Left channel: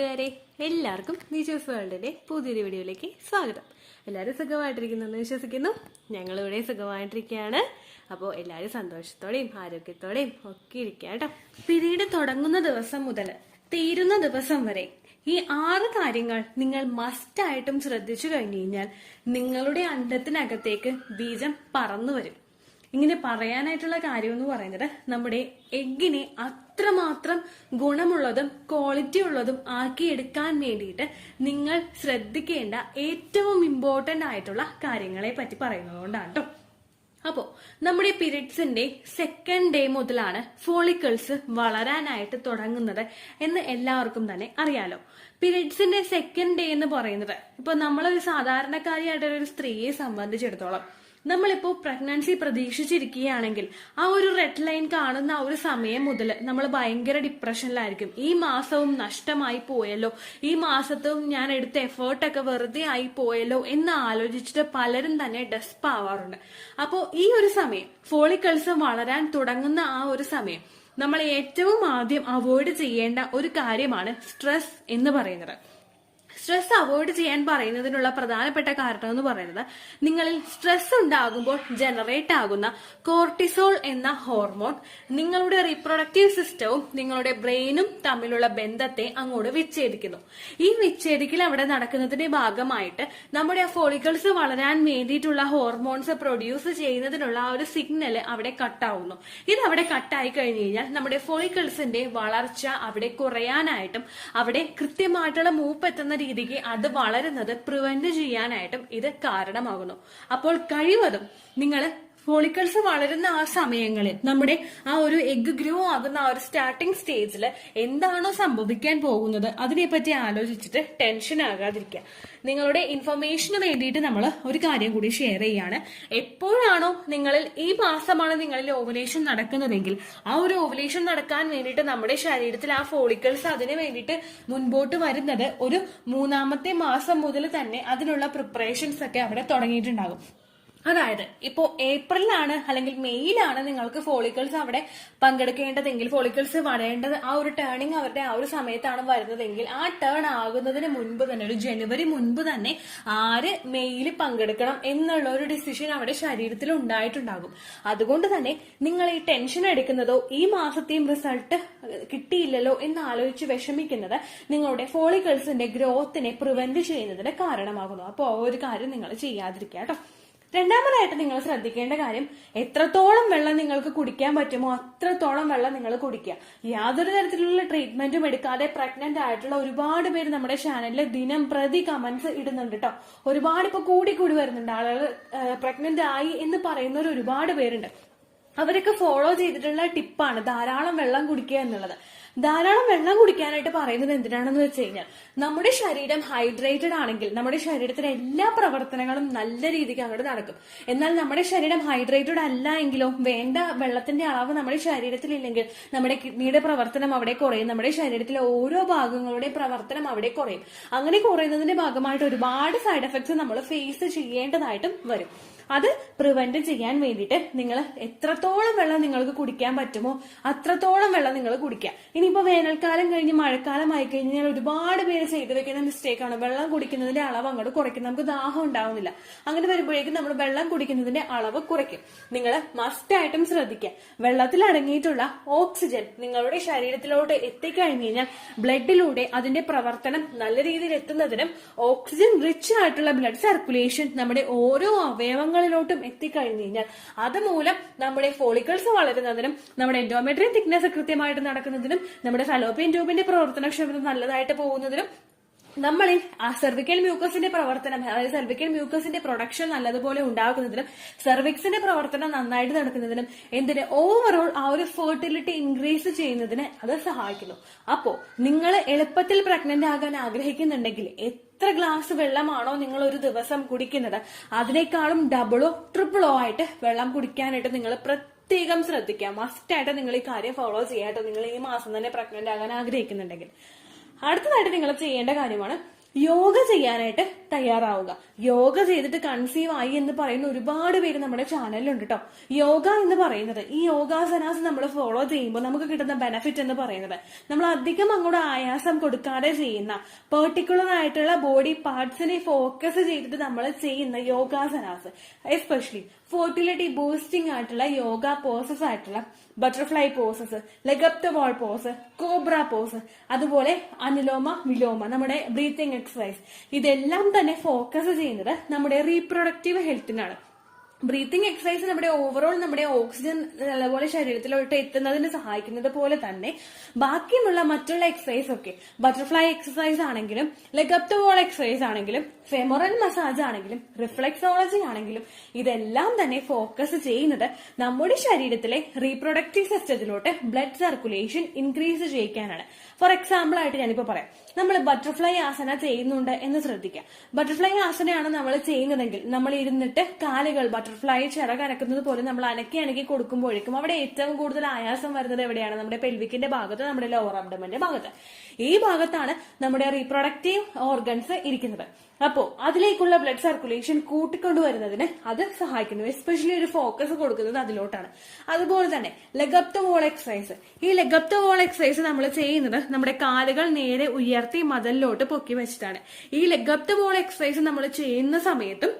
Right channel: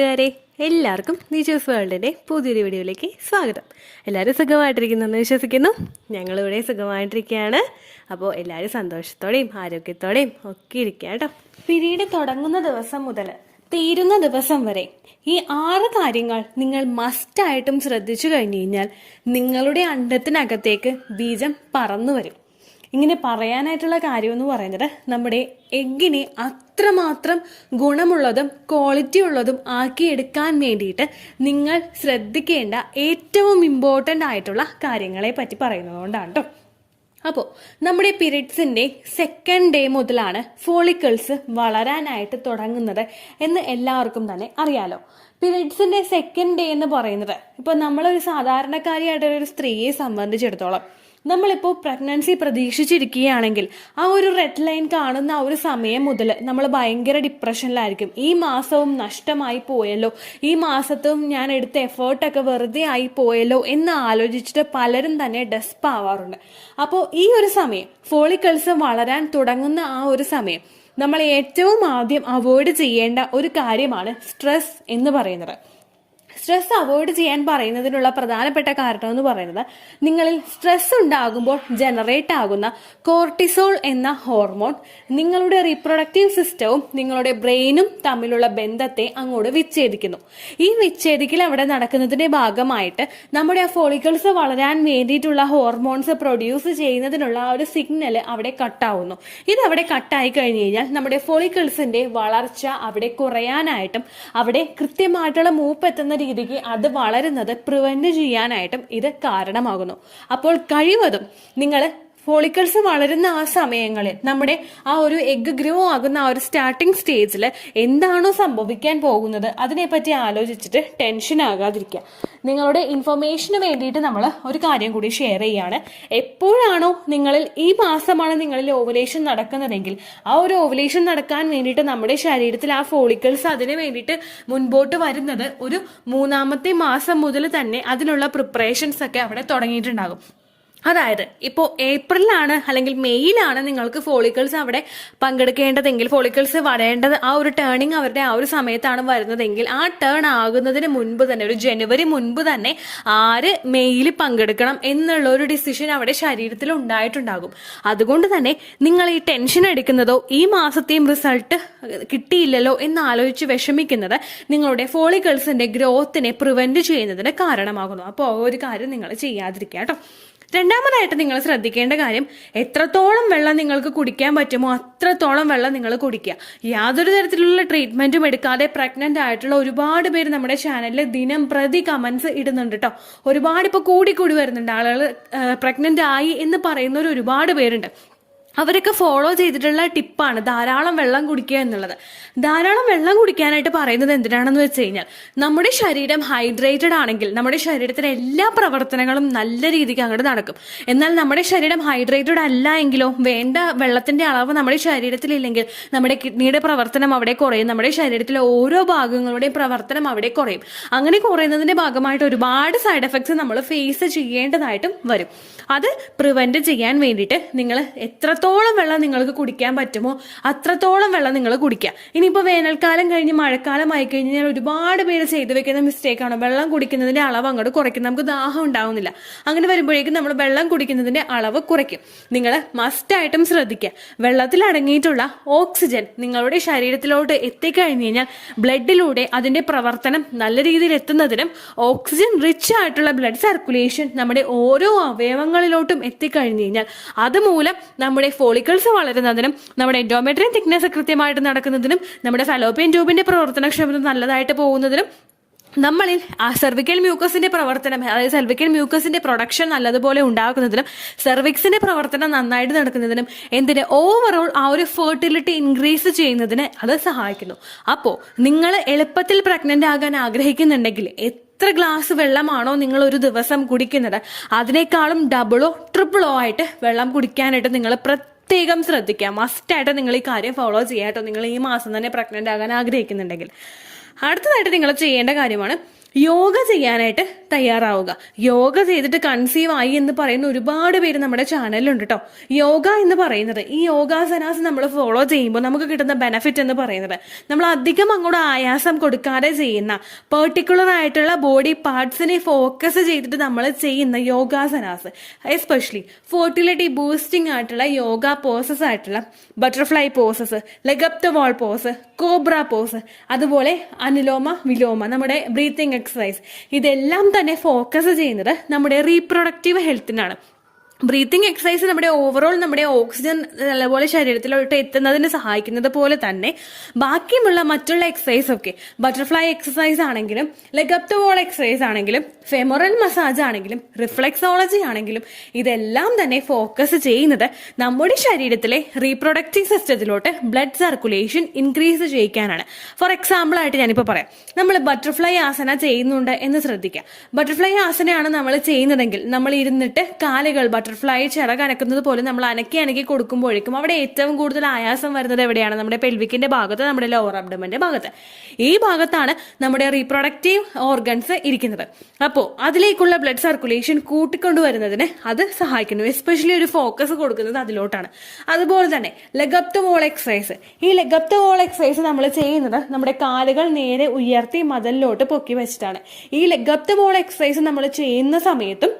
കൂട്ടുകാരെ, എല്ലാവർക്കും നീച്ചൂസ് വേൾഡിൻ്റെ പുതിയൊരു വീഡിയോയിലേക്ക് സ്വാഗതം. എല്ലാവരും സുഖമായിട്ടിരിക്കുന്നെന്ന് വിശ്വസിക്കുന്നു. ഞങ്ങളിവിടെ സുഖമായിട്ടിരിക്കുകയാണ്. അപ്പോൾ എല്ലാവരും സന്തോഷത്തോടെയും ആരോഗ്യത്തോടെയും ഒക്കെ ഇരിക്കുക കേട്ടോ. പീരീഡ് തുടങ്ങുന്ന ദിവസം മുതൽ തീരുന്ന ദിവസം വരെ ഈ 6 കാര്യങ്ങൾ നിങ്ങൾ മസ്റ്റായിട്ടും ശ്രദ്ധിച്ചു കഴിഞ്ഞു കഴിഞ്ഞാൽ നിങ്ങളുടെ അണ്ടത്തിനകത്തേക്ക് ബീജം പറന്നു വരും. ഇങ്ങനെ പറയാനായിട്ടുള്ള കാര്യം എന്ന് പറയുന്നത്, നമ്മുടെ എഗ്ഗിനെ അത്രമാത്രം ഗുണമുള്ളതും ക്വാളിറ്റി ഉള്ളതും ആക്കിയെടുക്കാൻ വേണ്ടിയിട്ട് നിങ്ങൾ ശ്രദ്ധിക്കേണ്ട ഏറ്റവും ഇമ്പോർട്ടൻ്റ് ആയിട്ടുള്ള കാര്യങ്ങളെ പറ്റി പറയുന്നതുകൊണ്ടാണ് കേട്ടോ. അപ്പോൾ നമ്മുടെ പീരിയഡ്സിൻ്റെ സെക്കൻഡ് ഡേ മുതലാണ് ഫോളിക്കിൾസ് വളരാനായിട്ട് തുടങ്ങുന്നത് എന്ന് എല്ലാവർക്കും തന്നെ അറിയാലോ. പീരിയഡ്സിൻ്റെ സെക്കൻഡ് ഡേ എന്ന് പറയുന്നത് ഇപ്പോൾ നമ്മളൊരു സാധാരണക്കാരിയായിട്ടൊരു സ്ത്രീയെ സംബന്ധിച്ചിടത്തോളം, നമ്മളിപ്പോൾ പ്രഗ്നൻസി പ്രതീക്ഷിച്ചിരിക്കുകയാണെങ്കിൽ ആ ഒരു റെഡ് ലൈൻ കാണുന്ന ആ ഒരു സമയം മുതൽ നമ്മൾ ഭയങ്കര ഡിപ്രഷനിലായിരിക്കും. ഈ മാസവും നഷ്ടമായി പോയല്ലോ, ഈ മാസത്തും ഞാൻ എടുത്ത എഫേർട്ടൊക്കെ വെറുതെ ആയി പോയല്ലോ എന്ന് ആലോചിച്ചിട്ട് പലരും തന്നെ ഡെസ്പ് ആവാറുണ്ട്. അപ്പോൾ ഈ ഒരു സമയം, ഫോളിക്കിൾസ് വളരാൻ തുടങ്ങുന്ന ആ ഒരു സമയം, നമ്മൾ ഏറ്റവും ആദ്യം അവോയ്ഡ് ചെയ്യേണ്ട ഒരു കാര്യമാണ് സ്ട്രെസ് എന്ന് പറയുന്നത്. സ്ട്രെസ് അവോയ്ഡ് ചെയ്യാൻ പറയുന്നതിനുള്ള പ്രധാനപ്പെട്ട കാരണം എന്ന് പറയുന്നത്, നിങ്ങളിൽ സ്ട്രെസ് ഉണ്ടാകുമ്പോൾ ജനറേറ്റ് ആകുന്ന കോർട്ടിസോൾ എന്ന ഹോർമോൺ നിങ്ങളുടെ റീപ്രൊഡക്റ്റീവ് സിസ്റ്റവും നിങ്ങളുടെ ബ്രെയിനും തമ്മിലുള്ള ബന്ധത്തെ അങ്ങോട്ട് വിച്ഛേദിക്കുന്നു. ഈ വിച്ഛേദിക്കൽ അവിടെ നടക്കുന്നതിന്റെ ഭാഗമായിട്ട് നമ്മുടെ ആ ഫോളിക്കിൾസ് വളരാൻ വേണ്ടിയിട്ടുള്ള ഹോർമോൺസ് പ്രൊഡ്യൂസ് ചെയ്യുന്നതിനുള്ള ആ ഒരു സിഗ്നൽ അവിടെ കട്ടാവുന്നു. ഇത് അവിടെ കട്ടായി കഴിഞ്ഞു കഴിഞ്ഞാൽ നമ്മുടെ ഫോളിക്കിൾസിന്റെ വളർച്ച അവിടെ കുറയാനായിട്ടും അവിടെ കൃത്യമായിട്ടുള്ള മൂപ്പെത്തുന്ന രീതിക്ക് അത് വളരുന്നത് പ്രിവെന്റ് ചെയ്യാനായിട്ടും ഇത് കാരണമാകുന്നു. അപ്പോൾ കഴിവതും നിങ്ങൾ ഫോളിക്കിൾസ് വളരുന്ന ആ സമയങ്ങളിൽ, നമ്മുടെ ആ ഒരു എഗ് ഗ്രോ ആകുന്ന ആ ഒരു സ്റ്റാർട്ടിംഗ് സ്റ്റേജിൽ എന്താണോ സംഭവിക്കാൻ പോകുന്നത് അതിനെപ്പറ്റി ആലോചിച്ചിട്ട് ടെൻഷൻ ആകാതിരിക്കുക. നിങ്ങളുടെ ഇൻഫർമേഷന് വേണ്ടിയിട്ട് നമ്മൾ ഒരു കാര്യം കൂടി ഷെയർ ചെയ്യാണ്. എപ്പോഴാണോ നിങ്ങളിൽ ഈ മാസമാണ് നിങ്ങളിൽ ഓവുലേഷൻ നടക്കുന്നതെങ്കിൽ, ആ ഒരു ഓവുലേഷൻ നടക്കാൻ വേണ്ടിയിട്ട് നമ്മുടെ ശരീരത്തിൽ ആ ഫോളിക്കിൾസ് അതിന് വേണ്ടിയിട്ട് മുൻപോട്ട് വരുന്നത് ഒരു 3-ാമത്തെ മാസം മുതൽ തന്നെ അതിനുള്ള പ്രിപ്പറേഷൻസ് ഒക്കെ അവിടെ തുടങ്ങിയിട്ടുണ്ടാകും. അതായത് ഇപ്പോൾ ഏപ്രിലാണ് അല്ലെങ്കിൽ മെയ്യിലാണ് നിങ്ങൾക്ക് ഫോളിക്കിൾസ് അവിടെ പങ്കെടുക്കേണ്ടതെങ്കിൽ, ഫോളിക്കിൾസ് വരേണ്ടത് ആ ഒരു ടേണിങ് അവരുടെ ആ ഒരു സമയത്താണ് വരുന്നതെങ്കിൽ, ആ ടേൺ ആകുന്നതിന് മുൻപ് തന്നെ, ഒരു ജനുവരി മുൻപ് തന്നെ ആര് മെയ്യിൽ പങ്കെടുക്കണം എന്നുള്ള ഒരു ഡിസിഷൻ അവിടെ ശരീരത്തിൽ ഉണ്ടായിട്ടുണ്ടാകും. അതുകൊണ്ട് തന്നെ നിങ്ങൾ ഈ ടെൻഷൻ അടിക്കുന്നതോ ഈ മാസത്തെയും റിസൾട്ട് കിട്ടിയില്ലല്ലോ എന്ന് ആലോചിച്ച് വിഷമിക്കുന്നത് നിങ്ങളുടെ ഫോളിക്കിൾസിന്റെ ഗ്രോത്തിനെ പ്രിവെന്റ് ചെയ്യുന്നതിന് കാരണമാകുന്നു. അപ്പോൾ ആ ഒരു കാര്യം നിങ്ങൾ ചെയ്യാതിരിക്കുക കേട്ടോ. രണ്ടാമതായിട്ട് നിങ്ങൾ ശ്രദ്ധിക്കേണ്ട കാര്യം, എത്രത്തോളം വെള്ളം നിങ്ങൾക്ക് കുടിക്കാൻ പറ്റുമോ അത്രത്തോളം വെള്ളം നിങ്ങൾ കുടിക്കുക. യാതൊരു തരത്തിലുള്ള ട്രീറ്റ്മെന്റും എടുക്കാതെ പ്രഗ്നന്റ് ആയിട്ടുള്ള ഒരുപാട് പേര് നമ്മുടെ ചാനലിൽ ദിനം പ്രതി കമന്റ്സ് ഇടുന്നുണ്ട് കേട്ടോ. ഒരുപാട് ഇപ്പോൾ കൂടി വരുന്നുണ്ട് ആളുകൾ. പ്രഗ്നന്റ് ആയി എന്ന് പറയുന്നവർ ഒരുപാട് പേരുണ്ട്. അവരൊക്കെ ഫോളോ ചെയ്തിട്ടുള്ള ടിപ്പാണ് ധാരാളം വെള്ളം കുടിക്കുക എന്നുള്ളത്. ധാരാളം വെള്ളം കുടിക്കാനായിട്ട് പറയുന്നത് എന്തിനാണെന്ന് വെച്ച് കഴിഞ്ഞാൽ, നമ്മുടെ ശരീരം ഹൈഡ്രേറ്റഡ് ആണെങ്കിൽ നമ്മുടെ ശരീരത്തിലെ എല്ലാ പ്രവർത്തനങ്ങളും നല്ല രീതിക്ക് അങ്ങോട്ട് നടക്കും. എന്നാൽ നമ്മുടെ ശരീരം ഹൈഡ്രേറ്റഡ് അല്ല എങ്കിലോ, വേണ്ട വെള്ളത്തിന്റെ അളവ് നമ്മുടെ ശരീരത്തിലില്ലെങ്കിൽ നമ്മുടെ കിഡ്നിയുടെ പ്രവർത്തനം അവിടെ കുറയും, നമ്മുടെ ശരീരത്തിലെ ഓരോ ഭാഗങ്ങളുടെയും പ്രവർത്തനം അവിടെ കുറയും. അങ്ങനെ കുറയുന്നതിന്റെ ഭാഗമായിട്ട് ഒരുപാട് സൈഡ് എഫക്ട്സ് നമ്മൾ ഫേസ് ചെയ്യേണ്ടതായിട്ടും വരും. അത് പ്രിവെന്റ് ചെയ്യാൻ വേണ്ടിയിട്ട് നിങ്ങൾ എത്രത്തോളം വെള്ളം നിങ്ങൾക്ക് കുടിക്കാൻ പറ്റുമോ അത്രത്തോളം വെള്ളം നിങ്ങൾ കുടിക്കുക. ഇനിയിപ്പോൾ വേനൽക്കാലം കഴിഞ്ഞ് മഴക്കാലം ആയി കഴിഞ്ഞാൽ ഒരുപാട് പേര് ചെയ്തു വെക്കുന്ന മിസ്റ്റേക്കാണ് വെള്ളം കുടിക്കുന്നതിന്റെ അളവ് അങ്ങോട്ട് കുറയ്ക്കും. നമുക്ക് ദാഹം ഉണ്ടാവുന്നില്ല. അങ്ങനെ വരുമ്പോഴേക്കും നമ്മൾ വെള്ളം കുടിക്കുന്നതിന്റെ അളവ് കുറയ്ക്കും. നിങ്ങൾ മസ്റ്റായിട്ടും ശ്രദ്ധിക്കുക, വെള്ളത്തിൽ അടങ്ങിയിട്ടുള്ള ഓക്സിജൻ നിങ്ങളുടെ ശരീരത്തിലോട്ട് എത്തിക്കഴിഞ്ഞു കഴിഞ്ഞാൽ ബ്ലഡിലൂടെ അതിന്റെ പ്രവർത്തനം നല്ല രീതിയിൽ എത്തുന്നതിനും ഓക്സിജൻ റിച്ച് ആയിട്ടുള്ള ബ്ലഡ് സർക്കുലേഷൻ നമ്മുടെ ഓരോ അവയവങ്ങളിലോട്ടും എത്തിക്കഴിഞ്ഞു കഴിഞ്ഞാൽ അതുമൂലം നമ്മുടെ ഫോളിക്കിൾസ് വളരുന്നതിനും നമ്മുടെ എൻഡോമെട്രിയം തിക്നെസ് കൃത്യമായിട്ട് നടക്കുന്നതിനും നമ്മുടെ ഫലോപ്പിയൻ ട്യൂബിന്റെ പ്രവർത്തനക്ഷമത നല്ലതായിട്ട് പോകുന്നതിനും നമ്മളിൽ ആ സെർവിക്കൽ മ്യൂക്കസിന്റെ പ്രവർത്തനം, അതായത് സെർവിക്കൽ മ്യൂക്കസിന്റെ പ്രൊഡക്ഷൻ നല്ലതുപോലെ ഉണ്ടാക്കുന്നതിനും സെർവിക്സിന്റെ പ്രവർത്തനം നന്നായിട്ട് നടക്കുന്നതിനും ഓവറോൾ ആ ഒരു ഫെർട്ടിലിറ്റി ഇൻക്രീസ് ചെയ്യുന്നതിന് അത് സഹായിക്കുന്നു. അപ്പോൾ നിങ്ങൾ എളുപ്പത്തിൽ പ്രഗ്നന്റ് ആകാൻ ആഗ്രഹിക്കുന്നുണ്ടെങ്കിൽ എത്ര ഗ്ലാസ് വെള്ളമാണോ നിങ്ങൾ ഒരു ദിവസം കുടിക്കുന്നത് അതിനേക്കാളും ഡബിളോ ട്രിപ്പിളോ ആയിട്ട് വെള്ളം കുടിക്കാനായിട്ട് നിങ്ങൾ പ്രത്യേകം ശ്രദ്ധിക്കുക. മസ്റ്റായിട്ട് നിങ്ങൾ ഈ കാര്യം ഫോളോ ചെയ്യാട്ടോ, നിങ്ങൾ ഈ മാസം തന്നെ പ്രഗ്നന്റ് ആകാൻ ആഗ്രഹിക്കുന്നുണ്ടെങ്കിൽ. അടുത്തതായിട്ട് നിങ്ങൾ ചെയ്യേണ്ട കാര്യമാണ് യോഗ ചെയ്യാനായിട്ട് തയ്യാറാവുക. യോഗ ചെയ്തിട്ട് കൺസീവ് ആയി എന്ന് പറയുന്ന ഒരുപാട് പേര് നമ്മുടെ ചാനലിലുണ്ട് കേട്ടോ. യോഗ എന്ന് പറയുന്നത്, ഈ യോഗാസനാസ് നമ്മൾ ഫോളോ ചെയ്യുമ്പോൾ നമുക്ക് കിട്ടുന്ന ബെനഫിറ്റ് എന്ന് പറയുന്നത്, നമ്മൾ അധികം അങ്ങോട്ട് ആയാസം കൊടുക്കാതെ ചെയ്യുന്ന പെർട്ടിക്കുലർ ആയിട്ടുള്ള ബോഡി പാർട്സിനെ ഫോക്കസ് ചെയ്തിട്ട് നമ്മൾ ചെയ്യുന്ന യോഗാസനാസ്, എസ്പെഷ്യലി ഫെർട്ടിലിറ്റി ബൂസ്റ്റിംഗ് ആയിട്ടുള്ള യോഗ പോസസ് ആയിട്ടുള്ള butterfly poses, leg up the wall pose, cobra pose, അതുപോലെ അനുലോമ വിലോമ, നമ്മുടെ ബ്രീത്തിങ് എക്സസൈസ്, ഇതെല്ലാം തന്നെ ഫോക്കസ് ചെയ്യുന്നത് നമ്മുടെ റീപ്രൊഡക്റ്റീവ് ഹെൽത്തിനാണ്. ബ്രീത്തിങ് എക്സസൈസ് നമ്മുടെ ഓവറോൾ നമ്മുടെ ഓക്സിജൻ നല്ലപോലെ ശരീരത്തിലോട്ട് എത്തുന്നതിന് സഹായിക്കുന്നത് പോലെ തന്നെ ബാക്കിയുള്ള മറ്റുള്ള എക്സസൈസ് ഒക്കെ, ബട്ടർഫ്ലൈ എക്സസൈസ് ആണെങ്കിലും leg up the wall exercise ആണെങ്കിലും ഫെമറൽ മസാജ് ആണെങ്കിലും റിഫ്ലെക്സോളജി ആണെങ്കിലും ഇതെല്ലാം തന്നെ ഫോക്കസ് ചെയ്യുന്നത് നമ്മുടെ ശരീരത്തിലെ റീപ്രൊഡക്റ്റീവ് സിസ്റ്റത്തിലോട്ട് ബ്ലഡ് സർക്കുലേഷൻ ഇൻക്രീസ് ചെയ്യിക്കാനാണ്. ഫോർ എക്സാമ്പിൾ ആയിട്ട് ഞാനിപ്പോൾ പറയാം, നമ്മൾ ബട്ടർഫ്ലൈ ആസന ചെയ്യുന്നുണ്ട് എന്ന് ശ്രദ്ധിക്കുക. ബട്ടർഫ്ലൈ ആസനയാണ് നമ്മൾ ചെയ്യുന്നതെങ്കിൽ നമ്മൾ ഇരുന്നിട്ട് കാലുകൾ ബട്ടർഫ്ലൈ ചിറക് അനക്കുന്നത് പോലെ നമ്മൾ അനക്കി കൊടുക്കുമ്പോഴേക്കും അവിടെ ഏറ്റവും കൂടുതൽ ആയാസം വരുന്നത് എവിടെയാണ്? നമ്മുടെ പെൽവിക്കിന്റെ ഭാഗത്ത്, നമ്മുടെ ലോവർ അബ്ഡമന്റെ ഭാഗത്ത്. ഈ ഭാഗത്താണ് നമ്മുടെ റീപ്രൊഡക്റ്റീവ് ഓർഗൻസ് ഇരിക്കുന്നത്. അപ്പോൾ അതിലേക്കുള്ള ബ്ലഡ് സർക്കുലേഷൻ കൂട്ടിക്കൊണ്ടുവരുന്നതിന് അത് സഹായിക്കുന്നു. എസ്പെഷ്യലി ഒരു ഫോക്കസ് കൊടുക്കുന്നത് അതിലോട്ടാണ്. അതുപോലെ തന്നെ leg up the wall exercise. ഈ leg up the wall exercise നമ്മൾ ചെയ്യുന്നത് നമ്മുടെ കാലുകൾ നേരെ ഉയർത്തി മതിലിലോട്ട് പൊക്കി വെച്ചിട്ടാണ്. ഈ leg up the wall exercise നമ്മൾ ചെയ്യുന്ന സമയത്തും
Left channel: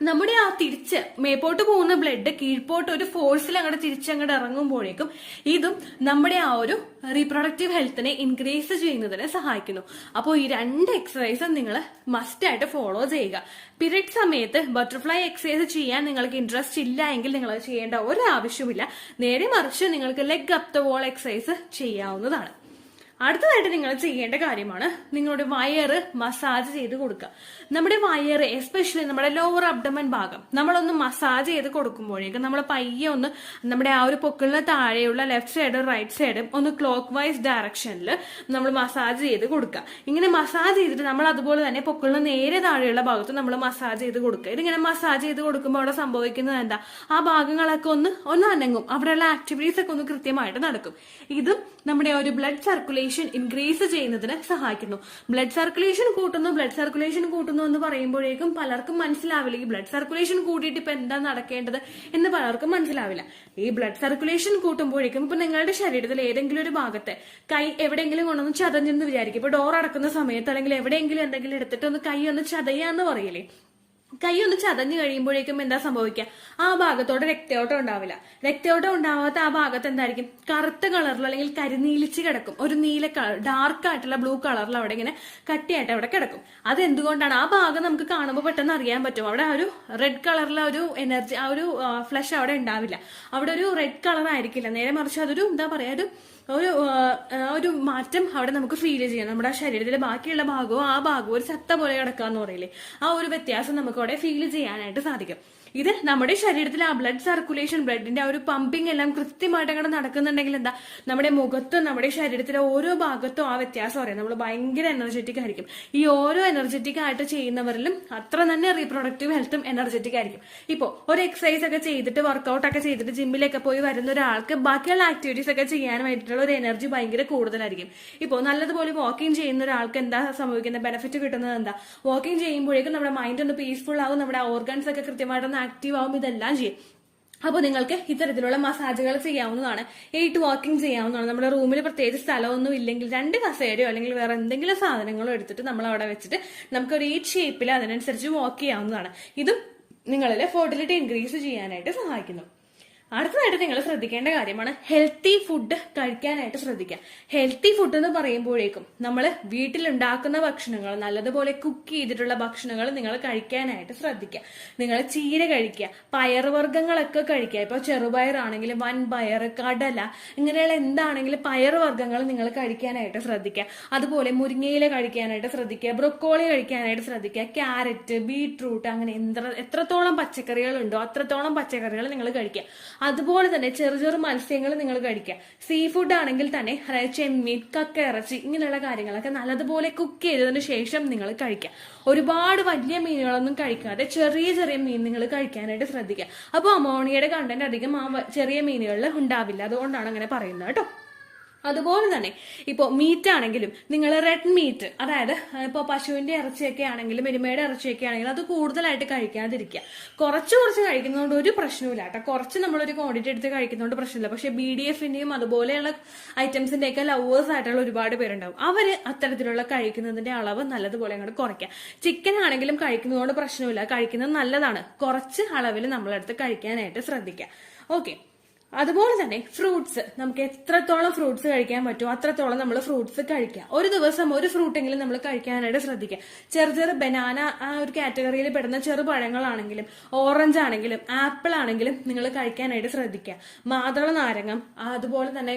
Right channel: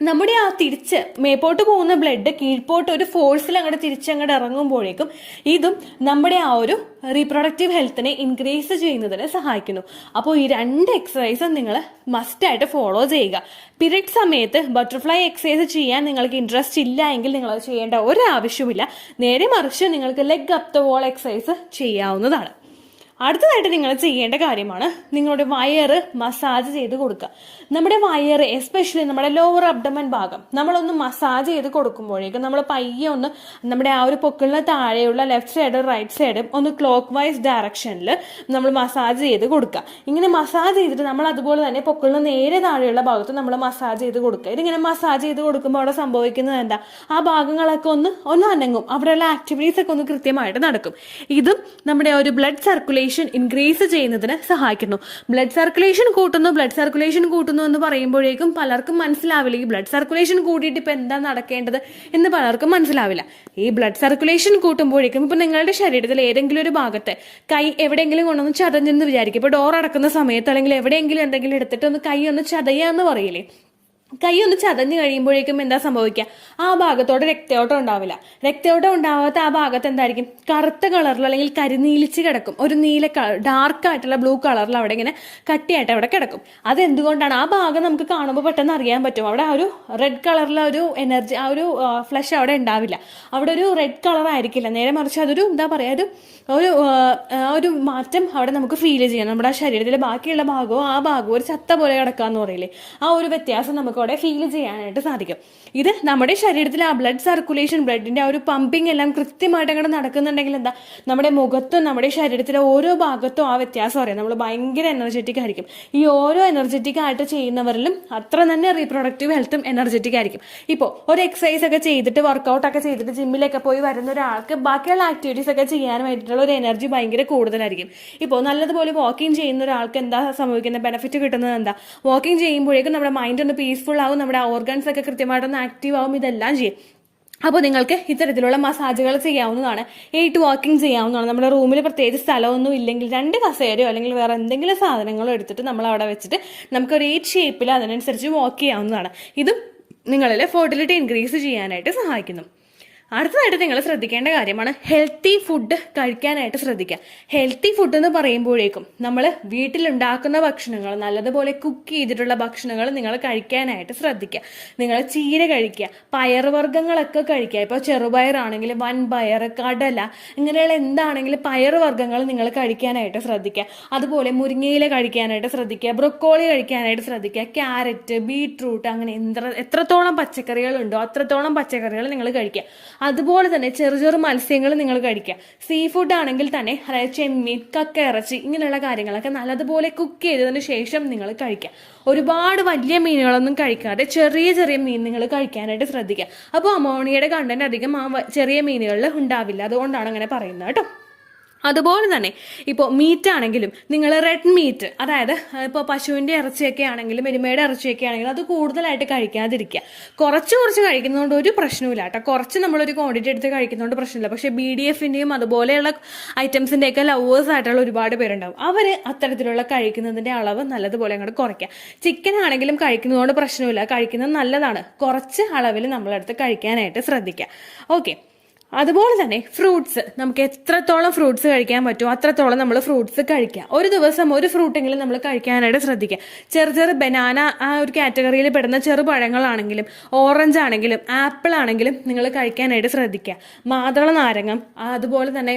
നമ്മുടെ ആ തിരിച്ച് മേപ്പോട്ട് പോകുന്ന ബ്ലഡ് കീഴ്പോട്ട് ഒരു ഫോഴ്സിൽ അങ്ങോട്ട് തിരിച്ചങ്ങോട്ട് ഇറങ്ങുമ്പോഴേക്കും ഇതും നമ്മുടെ ആ ഒരു റീപ്രൊഡക്റ്റീവ് ഹെൽത്തിനെ ഇൻക്രീസ് ചെയ്യുന്നതിന് സഹായിക്കുന്നു. അപ്പോൾ ഈ രണ്ട് എക്സസൈസും നിങ്ങൾ മസ്റ്റായിട്ട് ഫോളോ ചെയ്യുക. പീരിയഡ് സമയത്ത് ബട്ടർഫ്ലൈ എക്സസൈസ് ചെയ്യാൻ നിങ്ങൾക്ക് ഇൻട്രസ്റ്റ് ഇല്ല എങ്കിൽ നിങ്ങൾ ചെയ്യേണ്ട ഒരു ആവശ്യമില്ല. നേരെ മറിച്ച് നിങ്ങൾക്ക് leg up the wall exercise ചെയ്യാവുന്നതാണ്. അടുത്തതായിട്ട് നിങ്ങൾ ചെയ്യേണ്ട കാര്യമാണ് നിങ്ങളുടെ വയറ് മസാജ് ചെയ്ത് കൊടുക്കുക. നമ്മുടെ വയറ് എസ്പെഷ്യലി നമ്മുടെ ലോവർ അബ്ഡമൻ ഭാഗം നമ്മളൊന്ന് മസാജ് ചെയ്ത് കൊടുക്കുമ്പോഴേക്കും നമ്മൾ പയ്യെ ഒന്ന് നമ്മുടെ ആ ഒരു പൊക്കിളിന് താഴെയുള്ള ലെഫ്റ്റ് സൈഡും റൈറ്റ് സൈഡും ഒന്ന് ക്ലോക്ക് വൈസ് ഡയറക്ഷനിൽ നമ്മൾ മസാജ് ചെയ്ത് കൊടുക്കുക. ഇങ്ങനെ മസാജ് ചെയ്തിട്ട് നമ്മൾ അതുപോലെ തന്നെ പൊക്കിളിന് നേരെ താഴെയുള്ള ഭാഗത്ത് നമ്മൾ മസാജ് ചെയ്ത് കൊടുക്കുക. ഇതിങ്ങനെ മസാജ് ചെയ്ത് കൊടുക്കുമ്പോൾ അവിടെ സംഭവിക്കുന്നത് എന്താ? ആ ഭാഗങ്ങളൊക്കെ ഒന്ന് അനങ്ങും, അവിടെയുള്ള ആക്ടിവിറ്റീസ് ഒക്കെ ഒന്ന് കൃത്യമായിട്ട് നടക്കും. ഇതും നമ്മുടെ ഒരു ബ്ലഡ് സർക്കുലേഷൻ ഇൻക്രീസ് ചെയ്യുന്നതിന് സഹായിക്കുന്നു. ബ്ലഡ് സർക്കുലേഷൻ കൂട്ടുന്നു എന്ന് പറയുമ്പോഴേക്കും പലർക്കും മനസ്സിലാവില്ല ഈ ബ്ലഡ് സർക്കുലേഷൻ കൂട്ടിയിട്ട് ഇപ്പൊ എന്താ നടക്കേണ്ടത് എന്ന് പലർക്കും മനസ്സിലാവില്ല. ഈ ബ്ലഡ് സർക്കുലേഷൻ കൂട്ടുമ്പോഴേക്കും ഇപ്പൊ നിങ്ങളുടെ ശരീരത്തിൽ ഏതെങ്കിലും ഒരു ഭാഗത്ത് കൈ എവിടെയെങ്കിലും കൊണ്ടൊന്ന് ചതഞ്ഞെന്ന് വിചാരിക്കും. ഇപ്പൊ ഡോർ അടക്കുന്ന സമയത്ത് അല്ലെങ്കിൽ എവിടെയെങ്കിലും എന്തെങ്കിലും എടുത്തിട്ട് ഒന്ന് കൈ ഒന്ന് ചതയാന്ന് പറയില്ലേ, കൈ ഒന്ന് ചതഞ്ഞു കഴിയുമ്പോഴേക്കും എന്താ സംഭവിക്കുക? ആ ഭാഗത്തോടെ രക്തയോട്ടം ഉണ്ടാവില്ല. രക്തയോട്ടം ഉണ്ടാവാത്ത ആ ഭാഗത്ത് എന്തായിരിക്കും? കറുത്ത കളറിൽ അല്ലെങ്കിൽ കരിനീലിച്ച് കിടക്കും. ഒരു നീല ഡാർക്ക് ആയിട്ടുള്ള ബ്ലൂ കളറിൽ അവിടെ ഇങ്ങനെ കട്ടിയായിട്ട് അവിടെ കിടക്കും. അതെന്തുകൊണ്ടാണ്? ആ ഭാഗം നമുക്ക് കാണുമ്പോൾ പെട്ടെന്ന് അറിയാൻ പറ്റും. അവിടെ ആ ഒരു റെഡ് കളറിലെ ഒരു എനർജി, ആ ഒരു ഫ്ലഷ് അവിടെ ഉണ്ടാവില്ല. അവിടെ ഒരു റെഡ് കളർ ആയിരിക്കില്ല. നേരെ മറിച്ച് അതൊരു എന്താ പറയാ, ഒരു മാറ്റം അവിടെ നമുക്ക് ഫീൽ ചെയ്യാം. നമ്മുടെ ശരീരത്തിലെ ബാക്കിയുള്ള ഭാഗവും ആ ഭാഗവും ഒരു ചത്ത പോലെ കിടക്കാന്ന് പറയില്ലേ, ആ ഒരു വ്യത്യാസം നമുക്ക് അവിടെ ഫീൽ ചെയ്യാനായിട്ട് സാധിക്കും. ഇത് നമ്മുടെ ശരീരത്തിലെ ആ ബ്ലഡ് സർക്കുലേഷൻ, ബ്ലഡിന്റെ ആ ഒരു പമ്പിങ് എല്ലാം കൃത്യമായിട്ട് അങ്ങോട്ട് നടക്കുന്നുണ്ടെങ്കിൽ എന്താ, നമ്മുടെ മുഖത്തും നമ്മുടെ ശരീരത്തിലെ ഓരോ ഭാഗത്തും ആ വ്യത്യാസം അറിയാം. നമ്മൾ ഭയങ്കര എനർജറ്റിക് ആയിരിക്കും. ഈ ഓരോ എനർജറ്റിക് ആയിട്ട് ചെയ്യുന്നവരിലും അത്ര തന്നെ റീപ്രൊഡക്റ്റീവ് ഹെൽത്തും എനർജറ്റിക് ആയിരിക്കും. ഇപ്പോൾ ഒരു എക്സസൈസ് ഒക്കെ ചെയ്തിട്ട് വർക്കൗട്ട് ഒക്കെ ചെയ്തിട്ട് ജിമ്മിലൊക്കെ പോയി വരുന്ന ഒരാൾക്ക് ബാക്കിയുള്ള ആക്ടിവിറ്റീസ് ഒക്കെ ചെയ്യാൻ വേണ്ടിയിട്ടുള്ള ഒരു എനർജി ഭയങ്കര കൂടുതലായിരിക്കും. ഇപ്പോൾ നല്ലതുപോലെ വാക്കിംഗ് ചെയ്യുന്ന ഒരാൾക്ക് എന്താ സംഭവിക്കുന്നത്? ബെനിഫിറ്റ് കിട്ടുന്നത് എന്താ? വാക്കിംഗ് ചെയ്യുമ്പോഴേക്കും നമ്മുടെ മൈൻഡ് ഒന്ന് പീസ്ഫുൾ ആവും, നമ്മുടെ ഓർഗൻസ് ഒക്കെ കൃത്യമായിട്ടൊന്ന് ആക്റ്റീവ് ആവും, ഇതെല്ലാം ചെയ്യും. അപ്പോൾ നിങ്ങൾക്ക് ഇത്തരത്തിലുള്ള മസാജുകൾ ചെയ്യാവുന്നതാണ്. 8 വാക്കിംഗ് ചെയ്യാവുന്നതാണ്. നമ്മുടെ റൂമിൽ പ്രത്യേകിച്ച് സ്ഥലമൊന്നും ഇല്ലെങ്കിൽ 2 കസേരയോ അല്ലെങ്കിൽ വേറെ എന്തെങ്കിലും സാധനങ്ങളോ എടുത്തിട്ട് നമ്മൾ അവിടെ വെച്ചിട്ട് നമുക്കൊരു 8 ഷേപ്പിൽ അതിനനുസരിച്ച് വാക്ക് ചെയ്യാവുന്നതാണ്. ഇതും നിങ്ങളിൽ ഫെർട്ടിലിറ്റി ഇൻക്രീസ് ചെയ്യാനായിട്ട് സഹായിക്കുന്നു. അടുത്തതായിട്ട് നിങ്ങൾ ശ്രദ്ധിക്കേണ്ട കാര്യമാണ് ഹെൽത്തി ഫുഡ് കഴിക്കാനായിട്ട് ശ്രദ്ധിക്കുക. ഹെൽത്തി ഫുഡ് എന്ന് പറയുമ്പോഴേക്കും നമ്മൾ വീട്ടിലുണ്ടാക്കുന്ന ഭക്ഷണങ്ങൾ, നല്ലതുപോലെ കുക്ക് ചെയ്തിട്ടുള്ള ഭക്ഷണങ്ങൾ നിങ്ങൾ കഴിക്കാനായിട്ട് ശ്രദ്ധിക്കുക. നിങ്ങൾ ചീര കഴിക്കുക, പയറുവർഗ്ഗങ്ങളൊക്കെ കഴിക്കുക. ഇപ്പോൾ ചെറുപയറാണെങ്കിലും വൻപയർ, കടല, ഇങ്ങനെയുള്ള എന്താണെങ്കിലും പയറുവർഗ്ഗങ്ങൾ നിങ്ങൾ കഴിക്കാനായിട്ട് ശ്രദ്ധിക്കുക. അതുപോലെ മുരിങ്ങയില കഴിക്കാനായിട്ട് ശ്രദ്ധിക്കുക, ബ്രൊക്കോളി കഴിക്കാനായിട്ട് ശ്രദ്ധിക്കുക, ക്യാരറ്റ്, ബീട്രൂട്ട്, അങ്ങനെ എത്രത്തോളം പച്ചക്കറികളുണ്ടോ അത്രത്തോളം പച്ചക്കറികൾ നിങ്ങൾ കഴിക്കുക. അതുപോലെ തന്നെ ചെറു മത്സ്യങ്ങൾ നിങ്ങൾ കഴിക്കുക. സീ ഫുഡ് ആണെങ്കിൽ തന്നെ, അതായത് ചെമ്മീൻ, കക്ക ഇറച്ചി, ഇങ്ങനെയുള്ള കാര്യങ്ങളൊക്കെ നല്ലതുപോലെ കുക്ക് ചെയ്തതിന് ശേഷം നിങ്ങൾ കഴിക്കുക. ഒരുപാട് വലിയ മീനുകളൊന്നും കഴിക്കാതെ ചെറിയ മീൻ നിങ്ങൾ കഴിക്കാനായിട്ട് ശ്രദ്ധിക്കുക. അപ്പോൾ അമോണിയയുടെ കണ്ടന്റ് അധികം ആ ചെറിയ മീനുകളിൽ ഉണ്ടാവില്ല. അതുകൊണ്ടാണ് അങ്ങനെ പറയുന്നത് കേട്ടോ. അതുപോലെ തന്നെ ഇപ്പോൾ മീറ്റ് ആണെങ്കിലും നിങ്ങൾ റെഡ് മീറ്റ്, അതായത് ഇപ്പോൾ പശുവിൻ്റെ ഇറച്ചിയൊക്കെ ആണെങ്കിലും എരുമയുടെ ഇറച്ചിയൊക്കെ ആണെങ്കിലും അത് കൂടുതലായിട്ട് കഴിക്കാതിരിക്കുക. കുറച്ച് കഴിക്കുന്നതുകൊണ്ട് ഒരു പ്രശ്നമില്ല കേട്ടോ. കുറച്ച് നമ്മളൊരു ക്വാണ്ടിറ്റി എടുത്ത് കഴിക്കുന്നതുകൊണ്ട് പ്രശ്നമില്ല. പക്ഷേ BDFൻ്റെയും അതുപോലെയുള്ള ഐറ്റംസിൻ്റെയൊക്കെ ലവേഴ്സ് ആയിട്ടുള്ള ഒരുപാട് പേരുണ്ടാവും. അവർ അത്തരത്തിലുള്ള കഴിക്കുന്നതിൻ്റെ അളവ് നല്ലതുപോലെ അങ്ങോട്ട് കുറയ്ക്കുക. ചിക്കൻ ആണെങ്കിലും കഴിക്കുന്നതുകൊണ്ട് പ്രശ്നമില്ല, കഴിക്കുന്നത് നല്ലതാണ്. കുറച്ച് അളവിൽ നമ്മളെടുത്ത് കഴിക്കാനായിട്ട് ശ്രദ്ധിക്കുക. ഓക്കെ. അതുപോലെ തന്നെ ഫ്രൂട്ട്സ്, നമുക്ക് എത്രത്തോളം ഫ്രൂട്ട്സ് കഴിക്കാൻ പറ്റുമോ അത്രത്തോളം നമ്മൾ ഫ്രൂട്ട്സ് കഴിക്കുക. ഒരു ദിവസം ഒരു ഫ്രൂട്ടെങ്കിലും നമ്മൾ കഴിക്കാനായിട്ട് ശ്രദ്ധിക്കുക. ചെറു ബനാന ആ ഒരു കാറ്റഗറിയിൽ പെടുന്ന ചെറുപഴങ്ങളാണെങ്കിലും ഓറഞ്ച് ആണെങ്കിലും ആപ്പിൾ ആണെങ്കിലും നിങ്ങൾ കഴിക്കാനായിട്ട് ശ്രദ്ധിക്കുക. മാതള നാരങ്ങ, അതുപോലെ തന്നെ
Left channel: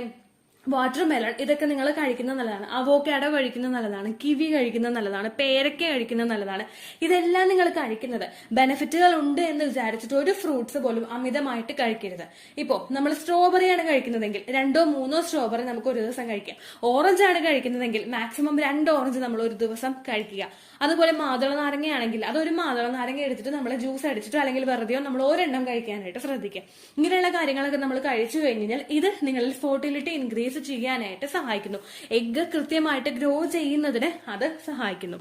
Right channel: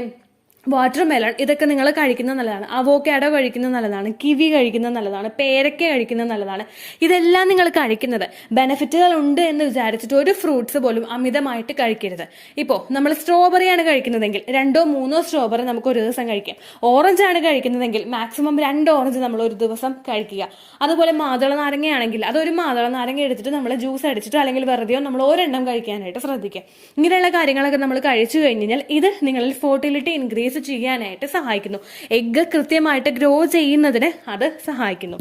വാട്ടർ മെലൺ, ഇതൊക്കെ നിങ്ങൾ കഴിക്കുന്നത് നല്ലതാണ്. അവോക്കാഡോ കഴിക്കുന്നത് നല്ലതാണ്. കിവി കഴിക്കുന്നത് നല്ലതാണ്. പേരയ്ക്ക കഴിക്കുന്നത് നല്ലതാണ്. ഇതെല്ലാം നിങ്ങൾ കഴിക്കുന്നത് ബെനിഫിറ്റുകൾ ഉണ്ട് എന്ന് വിചാരിച്ചിട്ട് ഒരു ഫ്രൂട്ട്സ് പോലും അമിതമായിട്ട് കഴിക്കരുത്. ഇപ്പോൾ നമ്മൾ സ്ട്രോബെറിയാണ് കഴിക്കുന്നതെങ്കിൽ 2-3 സ്ട്രോബെറി നമുക്ക് ഒരു ദിവസം കഴിക്കാം. ഓറഞ്ച് ആണ് കഴിക്കുന്നതെങ്കിൽ മാക്സിമം 2 ഓറഞ്ച് നമ്മൾ ഒരു ദിവസം കഴിക്കുക. അതുപോലെ മാതള നാരങ്ങയാണെങ്കിൽ അതൊരു മാതള നാരങ്ങ എടുത്തിട്ട് നമ്മൾ ജ്യൂസ് അടിച്ചിട്ട് അല്ലെങ്കിൽ വെറുതെയോ നമ്മൾ ഒരെണ്ണം കഴിക്കാനായിട്ട് ശ്രദ്ധിക്കുക. ഇങ്ങനെയുള്ള കാര്യങ്ങളൊക്കെ നമ്മൾ കഴിച്ചു കഴിഞ്ഞാൽ ഇത് നിങ്ങളിൽ ഫെർട്ടിലിറ്റി ഇൻക്രീസ് ചെയ്യാനായിട്ട് സഹായിക്കുന്നു. എഗ്ഗ് കൃത്യമായിട്ട് ഗ്രോ ചെയ്യുന്നതിന് അത് സഹായിക്കുന്നു.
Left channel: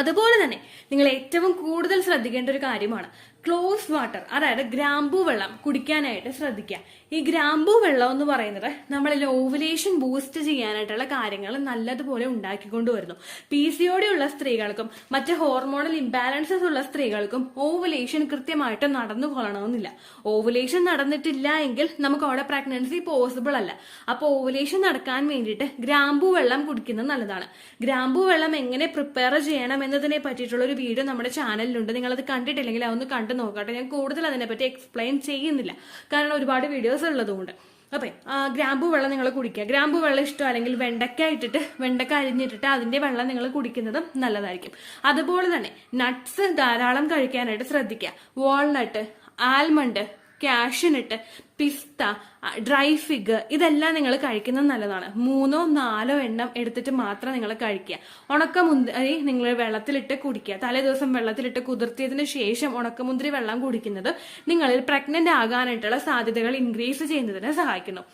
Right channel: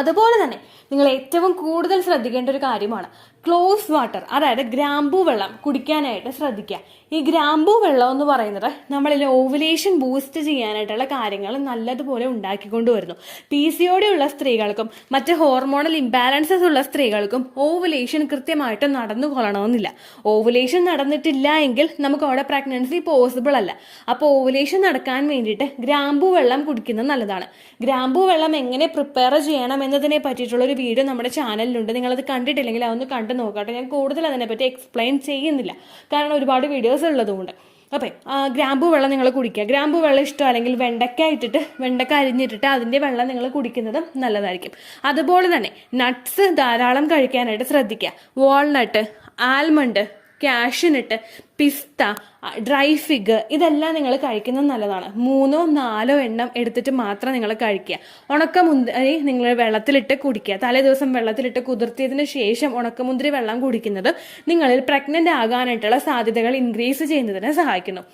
അതുപോലെ തന്നെ നിങ്ങൾ ഏറ്റവും കൂടുതൽ ശ്രദ്ധിക്കേണ്ട ഒരു കാര്യമാണ് ക്ലോസ് വാട്ടർ, അതായത് ഗ്രാമ്പൂ വെള്ളം കുടിക്കാനായിട്ട് ശ്രദ്ധിക്കുക. ഈ ഗ്രാമ്പൂ വെള്ളം എന്ന് പറയുന്നത് നമ്മളിൽ ഓവുലേഷൻ ബൂസ്റ്റ് ചെയ്യാനായിട്ടുള്ള കാര്യങ്ങൾ നല്ലതുപോലെ ഉണ്ടാക്കിക്കൊണ്ടുവരുന്നു. PCOD ഉള്ള സ്ത്രീകൾക്കും മറ്റ് ഹോർമോണൽ ഇംബാലൻസസ് ഉള്ള സ്ത്രീകൾക്കും ഓവുലേഷൻ കൃത്യമായിട്ട് നടന്നു കൊള്ളണമെന്നില്ല. ഓവുലേഷൻ നടന്നിട്ടില്ല എങ്കിൽ നമുക്ക് അവിടെ പ്രഗ്നൻസി പോസിബിൾ അല്ല. അപ്പോൾ ഓവുലേഷൻ നടക്കാൻ വേണ്ടിയിട്ട് ഗ്രാമ്പൂ വെള്ളം കുടിക്കുന്നത് നല്ലതാണ്. ഗ്രാമ്പൂ വെള്ളം എങ്ങനെ പ്രിപ്പയർ ചെയ്യണം എന്നതിനെ പറ്റിയിട്ടുള്ള ഒരു വീഡിയോ നമ്മുടെ ചാനലിലുണ്ട്. നിങ്ങളത് കണ്ടിട്ടില്ലെങ്കിൽ അതൊന്ന് കണ്ടു നോക്കട്ടെ. ഞാൻ കൂടുതൽ അതിനെപ്പറ്റി എക്സ്പ്ലെയിൻ ചെയ്യുന്നില്ല, കാരണം ഒരുപാട് വീഡിയോസ് ഉള്ളതുകൊണ്ട്. അപ്പം ഗ്രാമ്പൂ വെള്ളം നിങ്ങൾ കുടിക്കുക. ഗ്രാമ്പൂ വെള്ളം ഇഷ്ടം അല്ലെങ്കിൽ വെണ്ടക്ക അരിഞ്ഞിട്ടിട്ട് അതിൻ്റെ വെള്ളം നിങ്ങൾ കുടിക്കുന്നതും നല്ലതായിരിക്കും. അതുപോലെ തന്നെ നട്ട്സ് ധാരാളം കഴിക്കാനായിട്ട് ശ്രദ്ധിക്കുക. വാൾനട്ട്, ആൽമണ്ട്, കാഷ്യൂനട്ട്, പിസ്ത, ഡ്രൈ ഫിഗ്, ഇതെല്ലാം നിങ്ങൾ കഴിക്കുന്നത് നല്ലതാണ്. 3-4 എണ്ണം എടുത്തിട്ട് മാത്രം നിങ്ങൾ കഴിക്കുക. ഉണക്കമുന്തിരി നിങ്ങൾ വെള്ളത്തിലിട്ട് കുടിക്കുക. തലേ ദിവസം വെള്ളത്തിലിട്ട് കുതിർത്തിയതിന് ശേഷം ഉണക്കമുന്തിരി വെള്ളം കുടിക്കുന്നത് നിങ്ങളിൽ പ്രഗ്നന്റ് ആകാനായിട്ടുള്ള സാധ്യതകൾ ഇൻക്രീസ് ചെയ്യുന്നതിന് സഹായിക്കുന്നു.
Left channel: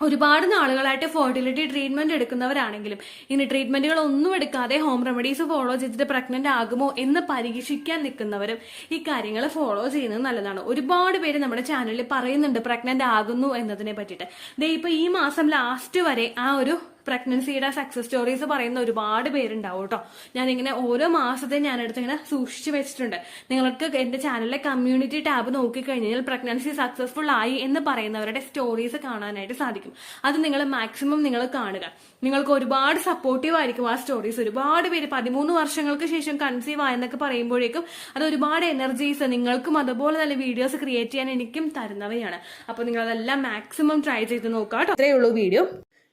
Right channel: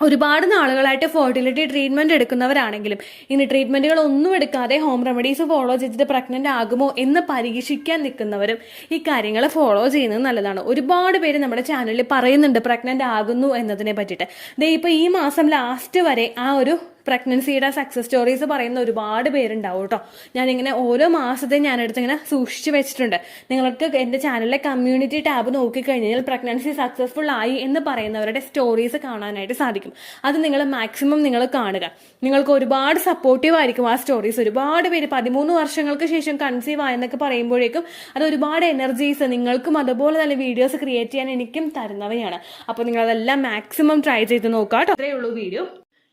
ഒരുപാട് നാളുകളായിട്ട് ഫെർട്ടിലിറ്റി ട്രീറ്റ്മെന്റ് എടുക്കുന്നവരാണെങ്കിലും ഇനി ട്രീറ്റ്മെന്റുകൾ ഒന്നും എടുക്കാതെ ഹോം റെമഡീസ് ഫോളോ ചെയ്തിട്ട് പ്രഗ്നന്റ് ആകുമോ എന്ന് പരീക്ഷിക്കാൻ നിൽക്കുന്നവരും ഈ കാര്യങ്ങൾ ഫോളോ ചെയ്യുന്നത് നല്ലതാണ്. ഒരുപാട് പേര് നമ്മുടെ ചാനലിൽ പറയുന്നുണ്ട് പ്രഗ്നന്റ് ആകുന്നു എന്നതിനെ പറ്റിയിട്ട്. ദേ ഇപ്പോൾ ഈ മാസം ലാസ്റ്റ് വരെ ആ ഒരു പ്രഗ്നൻസിയുടെ സക്സസ് സ്റ്റോറീസ് പറയുന്ന ഒരുപാട് പേരുണ്ടാവും കേട്ടോ. ഞാനിങ്ങനെ ഓരോ മാസത്തെയും ഞാനെടുത്ത് ഇങ്ങനെ സൂക്ഷിച്ചു വെച്ചിട്ടുണ്ട്. നിങ്ങൾക്ക് എൻ്റെ ചാനലിലെ കമ്മ്യൂണിറ്റി ടാബ് നോക്കിക്കഴിഞ്ഞാൽ പ്രഗ്നൻസി സക്സസ്ഫുൾ ആയി എന്ന് പറയുന്നവരുടെ സ്റ്റോറീസ് കാണാനായിട്ട് സാധിക്കും. അത് നിങ്ങൾ മാക്സിമം നിങ്ങൾ കാണുക. നിങ്ങൾക്ക് ഒരുപാട് സപ്പോർട്ടീവ് ആയിരിക്കും ആ സ്റ്റോറീസ്. ഒരുപാട് പേര് 13 വർഷങ്ങൾക്ക് ശേഷം കൺസീവ് ആയെന്നൊക്കെ പറയുമ്പോഴേക്കും അത് ഒരുപാട് എനർജീസ് നിങ്ങൾക്കും അതുപോലെ നല്ല വീഡിയോസ് ക്രിയേറ്റ് ചെയ്യാൻ എനിക്കും തരുന്നവയാണ്. അപ്പോൾ നിങ്ങളതെല്ലാം മാക്സിമം ട്രൈ ചെയ്ത് നോക്കാം കേട്ടോ. അത്രയേ ഉള്ളൂ വീഡിയോ.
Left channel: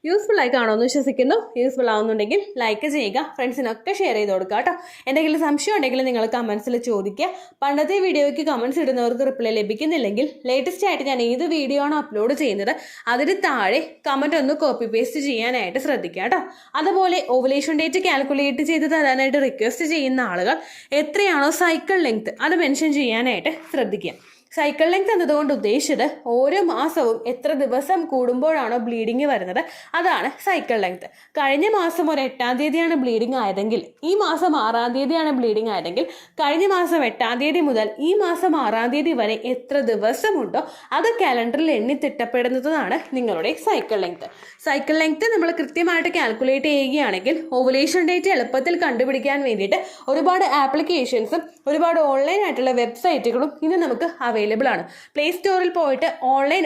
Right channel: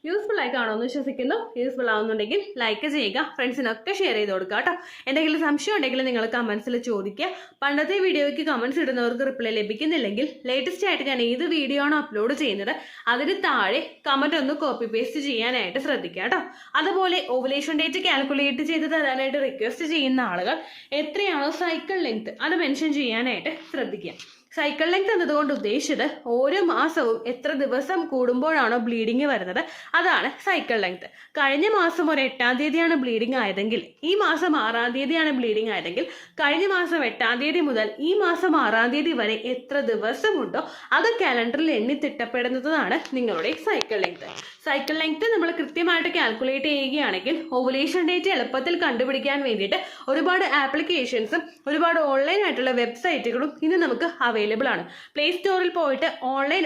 യൂസ്ഫുൾ ആയി കാണുമെന്ന് വിശ്വസിക്കുന്നു. യൂസ്ഫുൾ ആവുന്നുണ്ടെങ്കിൽ ലൈക്ക് ചെയ്യുക, ഫ്രണ്ട്സിനൊക്കെ ഷെയർ ചെയ്ത് കൊടുക്കുക കേട്ടോ. എന്തെങ്കിലും സംശയം ഉണ്ടെങ്കിൽ നിങ്ങൾ കമൻസിൽ ചോദിക്കുക. പണ്ടത്തെ വീഡിയോയ്ക്ക് കമൻസ് ഇടുന്നവർക്ക് റിപ്ലൈ ലഭിക്കുന്നില്ലെങ്കിൽ ലേറ്റസ്റ്റ് ആയിട്ട് ഞാൻ ഏത് വീഡിയോ ആണോ അപ്ലോഡ് ചെയ്യുന്നത് അതിന് താഴെ കമൻറ്റ് ഒന്ന് കോപ്പി പേസ്റ്റ് ചെയ്യാനായിട്ട് ശ്രദ്ധിക്കുക കേട്ടോ. അതുപോലെ ഓവുലേഷൻ ഡേറ്റ് കാൽക്കുലേറ്റ് ചെയ്ത് തരാനായിട്ട് റിക്വസ്റ്റ് ചെയ്യുന്ന ആളുകൾ എത്രയാണോ സൈക്കിൾ ലെങ്ത് അത് മെൻഷൻ ചെയ്യാനായിട്ട് ശ്രദ്ധിക്കുക. സൈക്കിൾ ലെങ്ത് എന്നതുകൊണ്ട് ഉദ്ദേശിച്ചത് ഓരോ മാസവും എത്ര ദിവസം കൂടുമ്പോഴാണോ ബ്ലീഡിങ് വരുന്നത് അതാണ് സൈക്കിൾ ലെങ്ത്. കഴിഞ്ഞ മാസം ഒരു 8-ാം തീയതിയാണ് ബ്ലീഡിങ് ആയതെങ്കിൽ ഈ മാസം 6-ാം തീയതിയാണ് ബ്ലീഡിങ് ആയതെങ്കിൽ കഴിഞ്ഞ മാസം 8-ാം തീയതി മുതൽ ഈ മാസം 6-ാം തീയതി വരെ എത്ര ദിവസമുണ്ടോ അത് കാലണ്ടറിൽ എണ്ണി തിട്ടപ്പെടുന്നതാണ് നിങ്ങളുടെ സൈക്കിൾ ലെങ്ത്. സൈക്കിൾ ലെങ്ത് നമ്മൾ കൃത്യമായിട്ട് കാൽക്കുലേറ്റ് ചെയ്യുകയാണെങ്കിൽ ഓവുലേഷൻ ഡേറ്റ് എളുപ്പത്തിൽ കണ്ടുപിടിക്കാൻ വേണ്ടിയിട്ട് ഒരുപാട് ആപ്ലിക്കേഷൻസും ഒരുപാട് ഓൺലൈൻ ആയിട്ടുള്ള വെബ്സൈറ്റുകളും ഇന്ന് നമുക്ക് അവൈലബിൾ ആണ്. പ്ലേ സ്റ്റോറിൽ പോയിട്ട് ഓൺലൈൻ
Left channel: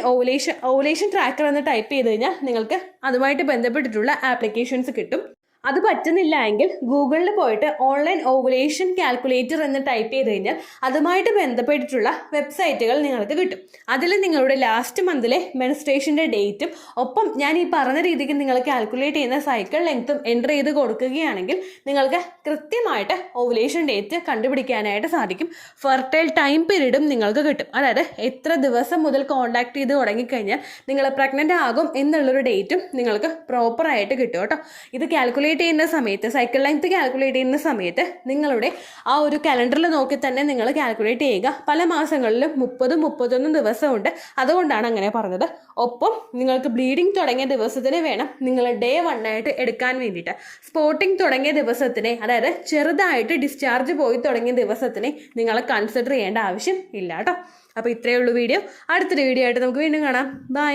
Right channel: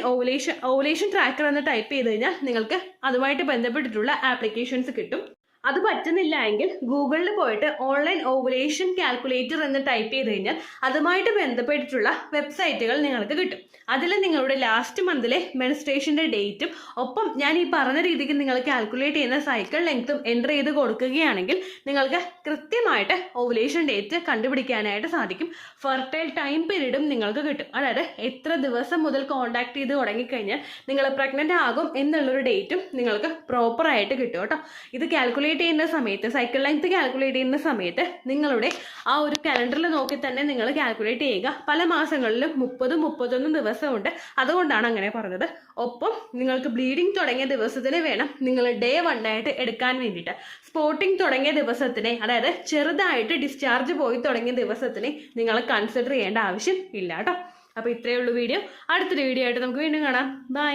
ഓവുലേഷൻ ട്രാക്കർ എന്ന് ടൈപ്പ് ചെയ്ത് കഴിഞ്ഞാൽ നിങ്ങൾക്ക് അതുമായിട്ട് ബന്ധപ്പെട്ടിട്ടുള്ള ആപ്ലിക്കേഷൻസ് കിട്ടും. അത് പറ്റുന്നില്ല എങ്കിൽ ഗൂഗിളിൽ പോയിട്ട് ഓൺലൈൻ ഓവുലേഷൻ കാൽക്കുലേറ്റർ എന്ന് ടൈപ്പ് ചെയ്ത് കഴിഞ്ഞാൽ അതുമായിട്ട് ബന്ധപ്പെട്ടിട്ടുള്ള വെബ്സൈറ്റുകൾ നിങ്ങൾക്ക് കിട്ടും. അതിൽ നിങ്ങളുടെ ലാസ്റ്റ് മന്തിലെ മെൻസ്ട്രേഷൻ്റെ ഡേറ്റും ഒപ്പം ഞാൻ ഈ പറഞ്ഞ രീതിക്ക് നിങ്ങൾ കാൽക്കുലേറ്റ് ചെയ്യുന്ന സൈക്കിൾ ലെങ്ത്തും എൻ്റർ ചെയ്ത് കൊടുക്കുകയാണെങ്കിൽ നിങ്ങൾക്ക് കൃത്യമായിട്ട് ഓവുലേഷൻ ഡേറ്റ് കണ്ടുപിടിക്കാനായിട്ട് സാധിക്കും. ഫെർട്ടൈൽ ടൈം പീരീഡും നിങ്ങൾക്ക് കിട്ടും. അതായത് എത്ര ദിവസം മുതൽ കോൺടാക്ട് ചെയ്ത് തുടങ്ങിക്കഴിഞ്ഞാൽ നിങ്ങൾ പ്രഗ്നൻ്റ് ആകും എന്നുള്ളൊരു ഡേറ്റും നിങ്ങൾക്ക് പ്രോപ്പറായിട്ട് കിട്ടും കേട്ടോ. ഇത് കാൽക്കുലേറ്റ് കാൽക്കുലേറ്റ് ചെയ്യുന്ന സമയത്ത്, സൈക്കിൾ ലെങ്ത് കാൽക്കുലേറ്റ് ചെയ്യുന്ന സമയത്ത് നിങ്ങളുടെ ആ ഒരു കലണ്ടറിൽ നോക്കി തന്നെ നിങ്ങൾ കാൽക്കുലേറ്റ് ചെയ്യുക. പല മാസങ്ങളിലും 30-31 ദിവസമുണ്ട്, അതുകൊണ്ടാണ് അങ്ങനെ പറഞ്ഞത്. ഒപ്പം നിങ്ങൾക്ക് ബ്ലീഡിങ് തുടങ്ങിയ ദിവസത്തിന് വേണം നിങ്ങൾ Day 1 ആയിട്ട് എടുക്കാൻ വേണ്ടിയിട്ട്. സ്പോട്ടിങ് തുടങ്ങിയ ദിവസത്തിനെ, അതായത് ചെറുതായിട്ട് ഡിസ്ചാർജ് പോയി തുടങ്ങിയ ദിവസത്തിനെ നിങ്ങൾ കൺസിഡർ ചെയ്യേണ്ട ആവശ്യം ഇല്ല കേട്ടോ. അപ്പോൾ ഇത്രയേ ഉള്ളൂ വീഡിയോ. അടുത്തൊരു വീഡിയോ ആയിട്ട് നമുക്ക് വീണ്ടും കാണാം. ബൈ.